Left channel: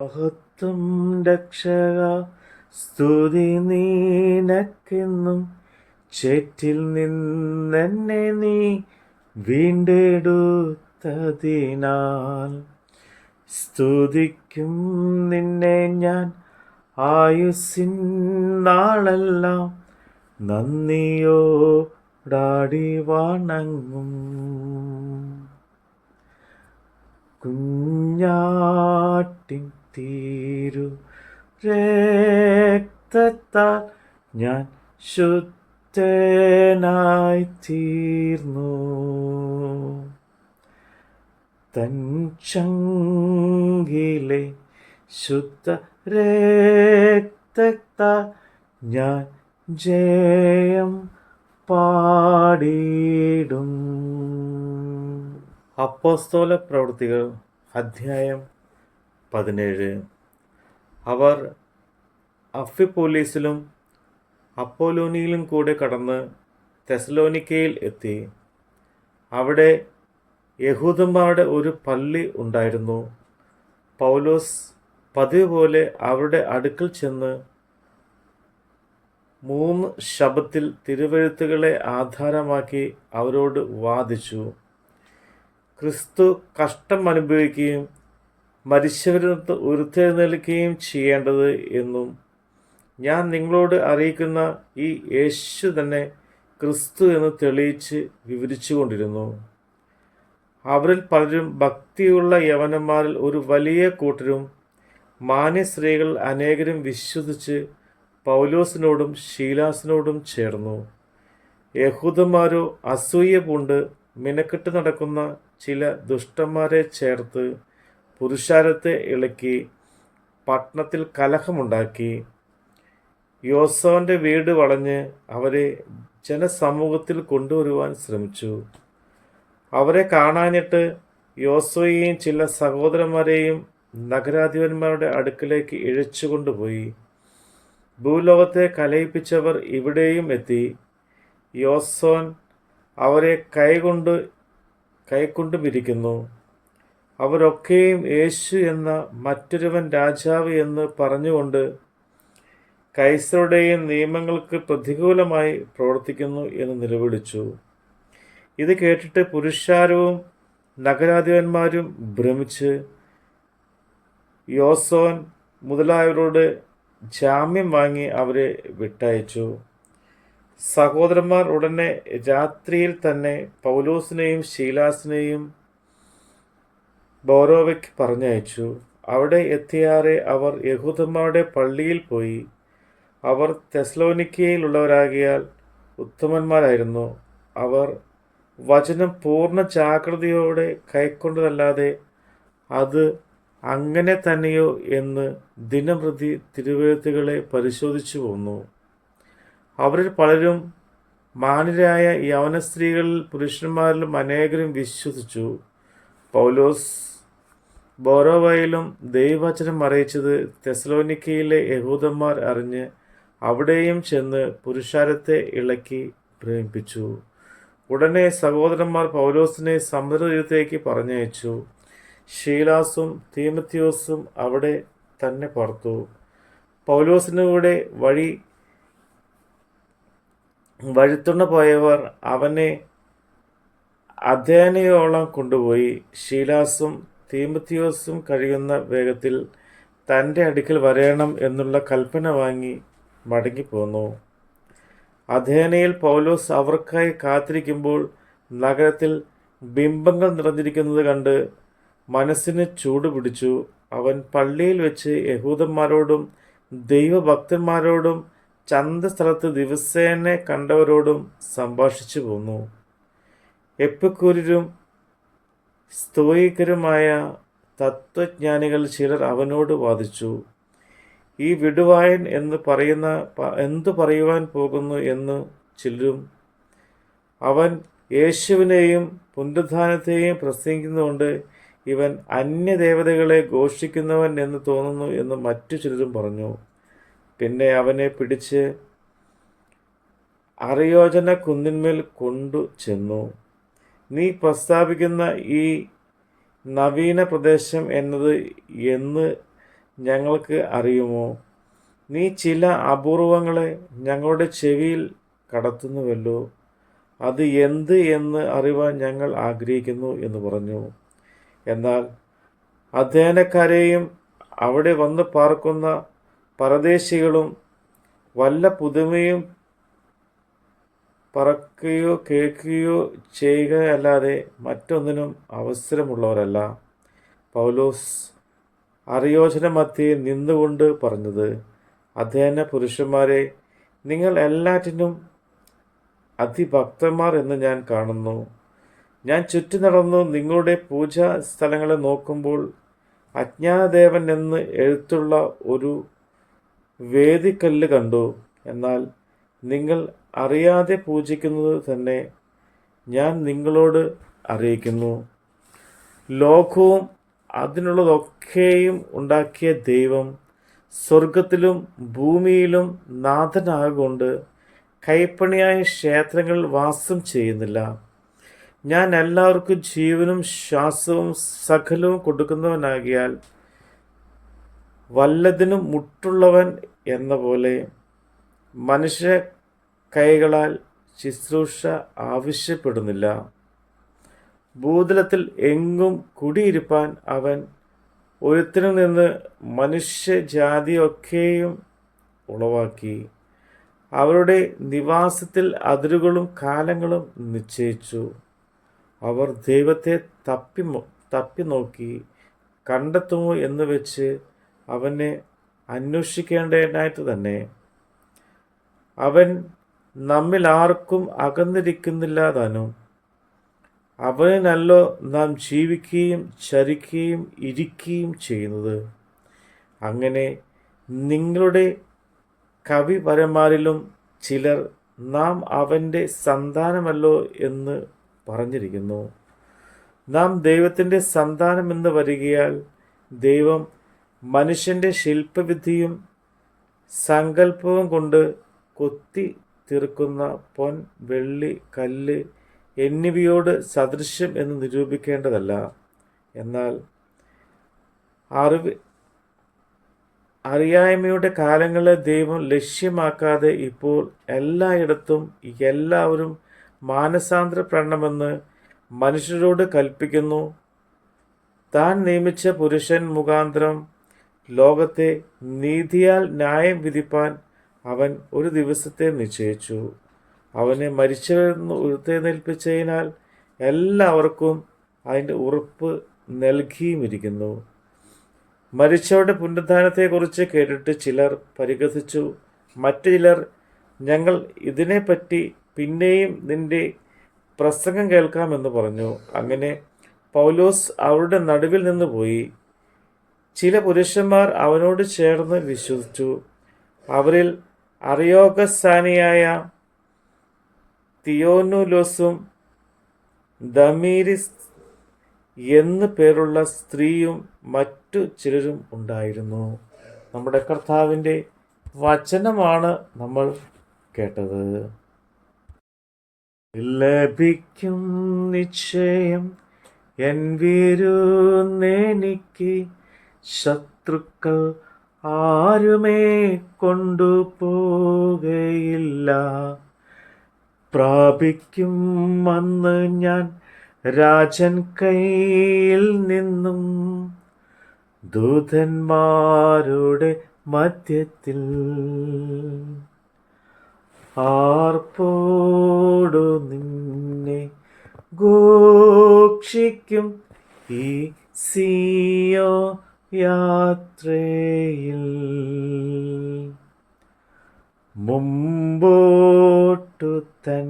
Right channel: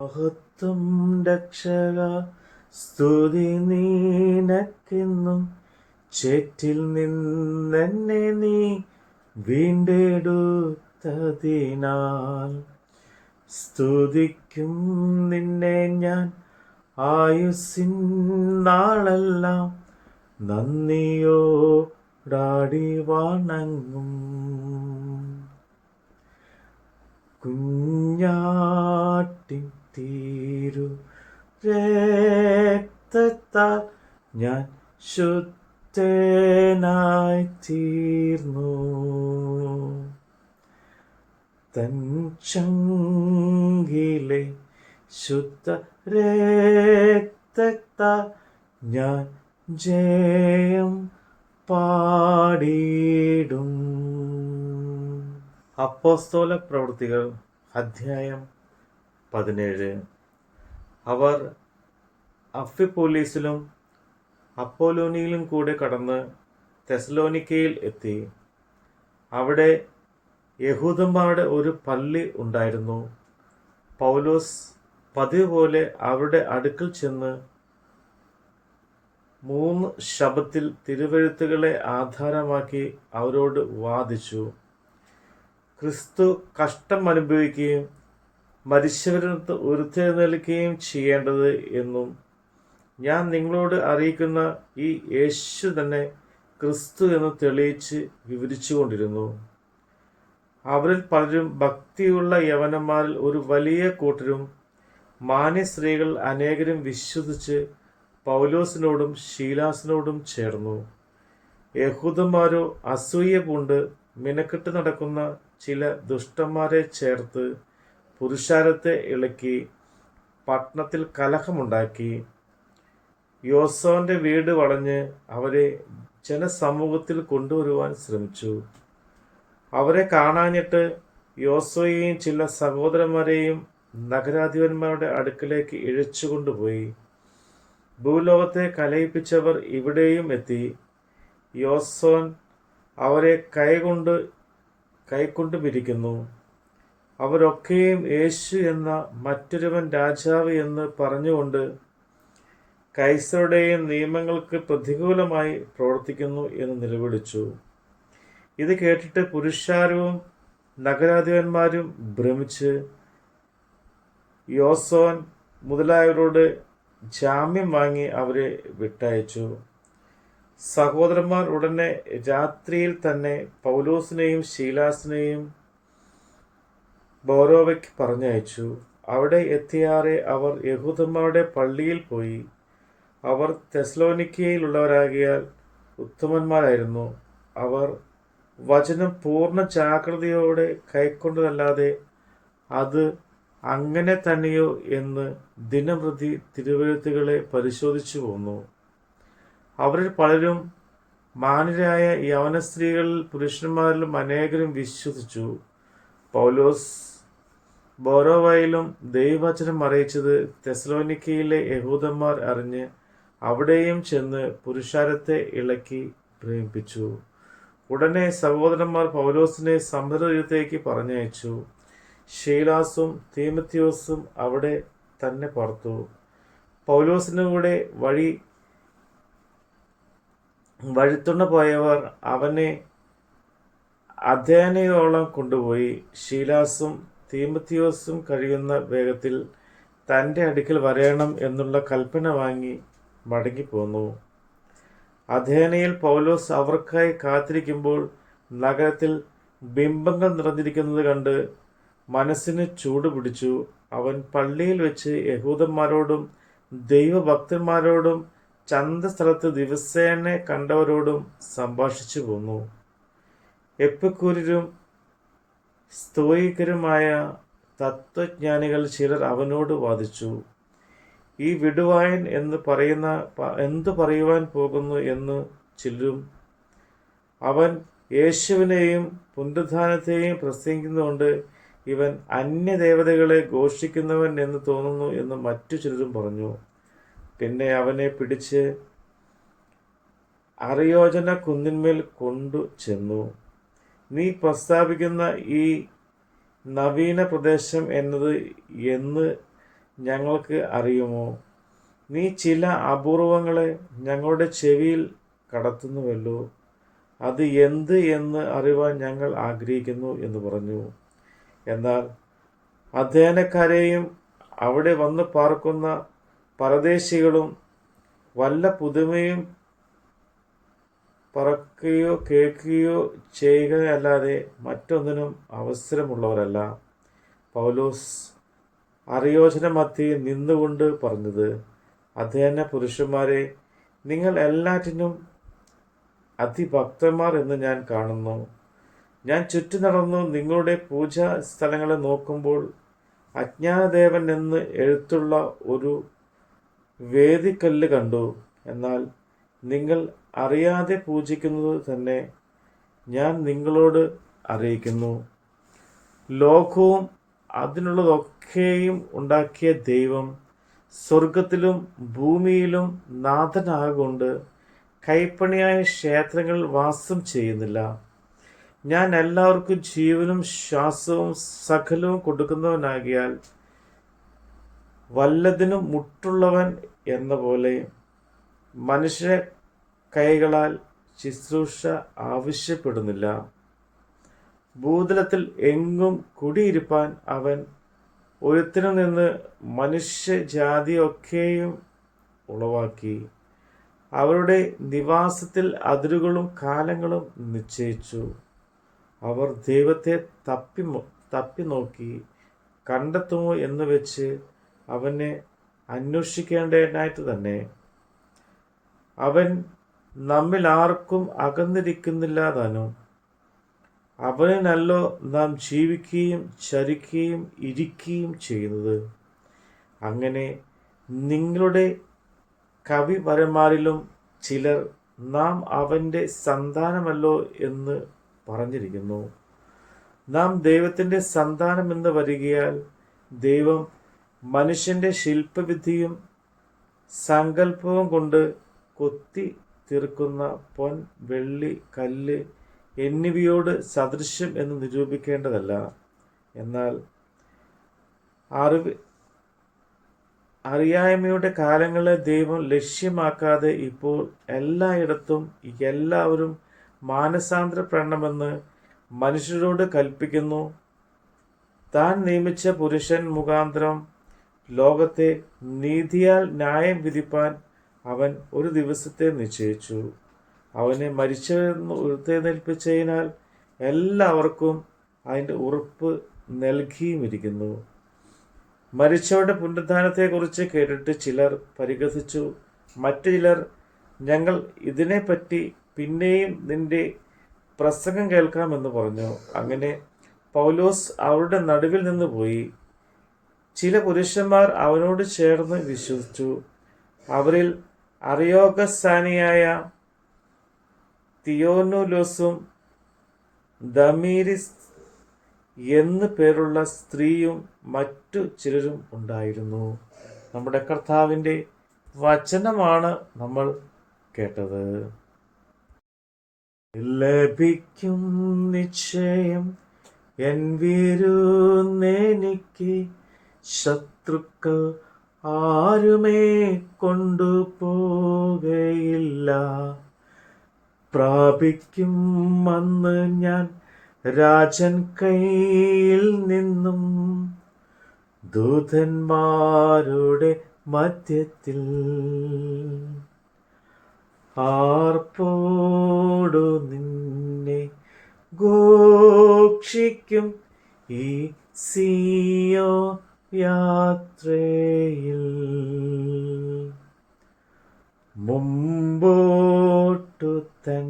മഹത്വം രക്ഷക സ്തുതി നീനക്കെന്നും ചേറ്റിൽ നിന്നെ നീ വീണ്ടെടുത്തതിനാൽ. സ്തുതിക്കും നിന്നെ ഞാൻ ആയുസ്സിൻ നാളെല്ലാം നന്ദിയോടാടി വണങ്ങും. കുഞ്ഞാട്ടിൻ തീരു. രക്തത്താൽ ഞാൻ ശുദ്ധനായി തീർന്നു. തൻ ചങ്കിലെ ശുദ്ധ രക്തത്താൽ ഞാൻ ജയം പാടിയിടും. അപ്പോസ്തോല പ്രവൃത്തികൾ അധ്യായം പതിനേഴ്. അവർ അഫിപ്പോലീസിലും അപ്പോലോനിയിലും കൂടെ കടന്ന് തെസലോനിക്കയിൽ എത്തി. അവിടെ യഹൂദന്മാരുടെ ഒരു പള്ളി ഉണ്ടായിരുന്നു. പൗലോസ് പതിവ് പോലെ അവരുടെ അടുക്കൽ ചെന്ന് മൂന്ന് ശബത്തിൽ തിരുവഴുത്തുകളെ ആധാരമാക്കി അവരോട് വാദിച്ചു. ക്രിസ്തു കഷ്ടം അനുഭവിക്കുകയും മരിച്ചവരിൽ നിന്ന് ഉരുത്തെഴുന്നേൽക്കുകയും ചെയ്യേണ്ടത് എന്നും ഞാൻ നിങ്ങളോട് അറിയിക്കുന്ന ഈ യേശു തന്നെ ക്രിസ്തു എന്ന് തെളിയിച്ച് വിവരിച്ചു കൊണ്ടിരുന്നു അവരിൽ പലരും ഭക്തിയുള്ള യവനന്മാരിൽ ഒരു വലിയ കൂട്ടരും മാന്യ സ്ത്രീകൾ അനേകരും വിശ്വസിച്ച് പൗലോസിനോടും ശീലാസിനോടും ചേർന്നു. യഹൂദന്മാരോ അസൂയ പൂണ്ട് മിനക്കെട്ട് നടക്കുന്ന ചില ദുഷ്ടന്മാരെ ചേർത്ത് പുരുഷാരത്തെ ഇളക്കി പട്ടണത്തിൽ കലഹമുണ്ടാക്കി. യോസവന്റെ വീട് വളഞ്ഞ് അവരെ ജനസമൂഹത്തിൽ കൊണ്ടുവരുവാൻ ശ്രമിച്ചു. അവരെ കാണാനിട്ട് യോസോയെയും ചില സഹോദരന്മാരെയും നഗരാധിപന്മാരുടെ അടുക്കിലേക്ക് ഇഴച്ചു കൊണ്ടുപോയി. ഭൂലോകത്തെ കലയിപ്പിച്ചവർ ഇവിടെയും എത്തി. യോസോൻ അവരെ കൈകൊണ്ട് കൈക്കൊണ്ടു പിരിക്കുന്നു അവരൊക്കെയും യേശു എന്ന മറ്റൊരുവൻ രാജാവ് എന്ന് പറഞ്ഞുകൊണ്ട് കൈസറുടെയും നിയമങ്ങൾക്ക് പ്രതികൂലമായി പ്രവർത്തിക്കുന്നു എന്ന് നിലവിളിച്ചു. ഇത് കേട്ടിട്ട് പുരുഷാരവും നഗരാധിപന്മാരും ഭ്രമിച്ച് യോസോൻ മുതലായവരോട് ജാമ്യം വാങ്ങി അവരെ വിട്ടയച്ചു. സഹോദരന്മാർ ഉടനെ രാത്രിയിൽ തന്നെ പൗലോസിനെയും ശീലാസിനെയും ബോറോവയ്ക്ക് പറഞ്ഞയച്ചു. അവിടെ എത്തിയാറെ അവർ യഹൂദന്മാരുടെ പള്ളിയിൽ പോയി. അവർ തെസ്ലോനിക്കയിലുള്ളവരാകിയാൽ ഉത്തമന്മാരായിരുന്നു. അവർ വചനം പൂർണ ജാഗ്രതയോടെ കൈക്കൊണ്ടതല്ലാതെ അത് അങ്ങനെ തന്നെയോ എന്ന് ദിനംപ്രതി തിരുവെഴുത്തുകളെ പരിശോധിച്ചു പോന്നു. അവരിൽ പലരും മാന്യരായ യവന സ്ത്രീകളിൽ പുരുഷന്മാരിലും അനേകരും വിശ്വസിച്ചു. പൗലോസ് ബോറോവയിലും ദൈവവചനം അറിയിച്ചത് തെസ്ലോനിക്കയിലെ യഹൂദന്മാർ അറിഞ്ഞ് അവിടെയും ചെന്ന് പുരുഷാരത്തെ ഇളക്കി പ്രേമിപ്പിച്ചു. ഉടനെ സഹോദരന്മാർ പൗലോസിനെ സമുദ്രതീരത്തേക്ക് പറഞ്ഞയച്ചു. ഷീലാസും തീമത്യോസും അവിടെ തന്നെ പുറത്തു പൗലോസിനൂടെ വഴി വഴുത്തുണ്ണ പോയവർ അവനെ അധ്യയനയോളം കൊണ്ടുപോയി. ഷീലാസും തീമത്തിയോസും കഴിയുന്ന വേഗത്തിൽ തന്റെ അടുക്കൽ വരയണം എന്നുള്ള കൽപ്പന വാങ്ങി മടങ്ങിപ്പോന്നു. അധേനയിൽ പൗലോസ് അവർക്കായി കാത്തിരിക്കുമ്പോൾ നഗരത്തിൽ ബിംബങ്ങൾ നിറഞ്ഞിരിക്കുന്നത് കണ്ട് മനസ്സിന് ചൂട് പിടിച്ചു. അവൻ പള്ളിയിൽ വെച്ച് യഹൂദന്മാരോടും ദൈവഭക്തന്മാരോടും ചന്തസ്ഥലത്ത് ദിവസേന കണ്ടവരോടും സംഭാഷിച്ചു പോന്നു എപ്പിക്കൂരും സ്തോയിക്കരുമായ തത്വജ്ഞാനികൾ ചിലർ അവനോട് വാദിച്ചു ഈ വിടുവായൻ എന്ന് പറയുന്ന എന്ത് പറയുവാൻ പോകുന്നു എന്ന് ചിലരും അവൻ യേശുവിനെയും പുനരുദ്ധാനത്തെയും പ്രസംഗിക്കുന്നതുകൊണ്ട് ഇവൻ അന്യദേവതകളെ ഘോഷിക്കുന്നവൻ എന്ന് തോന്നുന്നു എന്ന് മറ്റു ചിലരും പറഞ്ഞു. പിന്നെ അവനെ പിടിച്ച് അറിയോജന കുന്നിന്മേൽ കൊണ്ടു ചെന്നു നീ പ്രസ്താവിക്കുന്ന ഈ നവീന പ്രദേശം എന്നത് എന്ന് ഞങ്ങൾക്ക് അറിയുമോ? നീ ചില അപൂർവങ്ങളെ ഞങ്ങളുടെ ചെവിയിൽ കടത്തുന്നുവല്ലോ. അത് എന്ത് എന്ന് അറിവാൻ ഞങ്ങൾ ആഗ്രഹിക്കുന്നു എന്ന് പറഞ്ഞു. എന്നാൽ അധ്യയനക്കാരെയും അവിടെ വന്ന് പാർക്കുന്ന പരദേശികളും വല്ല പുതുമയും പറക്കുകയോ കേൾക്കുകയോ ചെയ്യുകയല്ലാതെ മറ്റൊന്നിനും അവസരമുള്ളവരല്ല. പൗലോസ് അറിയോചന മധ്യയിൽ നിന്നുകൊണ്ട് പറഞ്ഞത് അധ്യയന പുരുഷന്മാരെ നിങ്ങൾ എല്ലാറ്റിനും അതിഭക്തന്മാർ എന്ന് ഞാൻ കാണുന്നു. ഞാൻ ചുറ്റി നടന്നു നിങ്ങളുടെ പൂജാ സ്ഥലങ്ങളെ നോക്കുമ്പോൾ അജ്ഞാനദേവൻ എന്ന് എഴുത്തുള്ള ഒരു വേദിക്കല്ല് കണ്ടു. എന്നാൽ നിങ്ങൾ അറിയാതെ പൂജിക്കുന്നത് തന്നെ ഞാൻ നിങ്ങളോട് അറിയിക്കുന്നു. ലോകവും അതിനുള്ളതൊക്കെയും ഉണ്ടാക്കിയ ദൈവം സ്വർഗത്തിലും ഭൂമിയിലും നാഥനാകൊണ്ട് കൈപ്പണിയായ ക്ഷേത്രങ്ങൾ വാസം ചെയ്യുന്നില്ല. ഞാൻ എല്ലാവർക്കും ജീവനും ശ്വാസവും സകലവും കൊടുക്കുന്നവനാകിയാൽ വല്ലതിനും മുട്ടുള്ളവൻ എന്ന പോലെ മനുഷ്യ കൈകളാൽ ശുശ്രൂഷ ആവശ്യപ്പെടുന്നില്ല. ഭൂതലത്തിൽ എങ്ങും കുടിയിരുപ്പാൻ അവൻ ഒരുത്തിനു നിന്ന് മനുഷ്യജാതിയൊക്കെയും ഉളവാക്കി. അവരുടെ നിവാസത്തിൽ അതിരുകളും കാലങ്ങളും നിശ്ചയിച്ചു. അവർ ദൈവത്തെ തപ്പി തപ്പി നോക്കി. കണ്ടെത്തുമോ എന്ന് വെച്ച് അവനെ അന്വേഷിക്കേണ്ടതായിട്ട് തന്നെ. അവൻ നമ്മിൽ ആർക്കും അകന്നിരിക്കുന്നില്ല താനും അവനല്ലോ നാം ജീവിക്കുകയും ചരിക്കുകയും ഇരിക്കുകയും ചെയ്യുന്നത്. അങ്ങനെ നിങ്ങളുടെ കവിപരന്മാരിലും ചിലർ നാം അവന്റെ സന്താനമല്ലോ എന്ന് പറഞ്ഞിരിക്കുന്നു. നാം ദൈവത്തിന്റെ സന്താനമെന്ന് വരികയാൽ ദൈവം മനുഷ്യന്റെ ശില്പവിദ്യയും സങ്കല്പവും കൊണ്ട് കൊത്തി തീർക്കുന്ന പൊൻ വെള്ളി കല്ല് എന്നിവയോട് സദൃശ്യം എന്ന് നിരൂപിക്കേണ്ടതല്ല. എന്നാൽ അറിവ് അറിയായ്മയുടെ കാലങ്ങളെ ദൈവം ലക്ഷ്യമാക്കാതെ ഇപ്പോൾ എല്ലായിടത്തും എല്ലാവരും മാനസാന്തരപ്പെടണമെന്ന് മനുഷ്യരോട് കൽപ്പിക്കുന്നു. താൻ നിയമിച്ച പുരുഷൻ മുഖാന്തരം ലോകത്തെ നീതിയാൽ ന്യായം വിധിപ്പാൻ അവൻ ഒരു ദിവസത്തെ നിശ്ചയിച്ചു. അവനെ മരിച്ചവരെന്ന് ഉയർത്തെഴുന്നേൽപ്പിച്ചതിനാൽ എല്ലാവർക്കും അതിന്റെ ഉറപ്പ് നൽകിയുമിരിക്കുന്നു. മരിച്ചവരുടെ പുനരുദ്ധാനത്തെക്കുറിച്ച് കേട്ടിട്ട് ചിലർ പരിഹസിച്ചു. മറ്റു ചിലർ ഞങ്ങൾ ഇതിനെപ്പറ്റി പിന്നെയും നിന്റെ പ്രസംഗം കേൾക്കാമെന്ന് പറഞ്ഞു. അങ്ങനെ പൗലോസ് അവരുടെ നടുവിൽ നിന്ന് പോയി. ചില പുരുഷന്മാർ അവനോട് ചേർന്ന് വിശ്വസിച്ചു. അവരിൽ അറിയോഗസ്ഥാനിയായ തിയോനുലോസും ദമീരിസ് എന്നു പേരുള്ള സ്ത്രീയും മറ്റു ചിലരും ഉണ്ടായിരുന്നു. നമ്മുടെ കർത്താവിന്റെ വചനമാണ് നമ്മൾ കേട്ടത്. ലഭിക്കും നിശ്ചയം എൻ വീരുന്നെനിക്ക് ശത്രുക്കൾ ആരുമേ കൊണ്ടുപോകയില്ല പ്രാപിക്കും അന്ന് ഞാൻ രാജൻ കയ്യിൽ നിന്നും. ദൂതന്മാരുടെ മധ്യത്തിൽ ആർപ്പോടു നിന്നെ ഗോക്ഷിക്കും ഈ സിയോ യാത്രയിൽ മുമ്പോട്ടു തന്നെ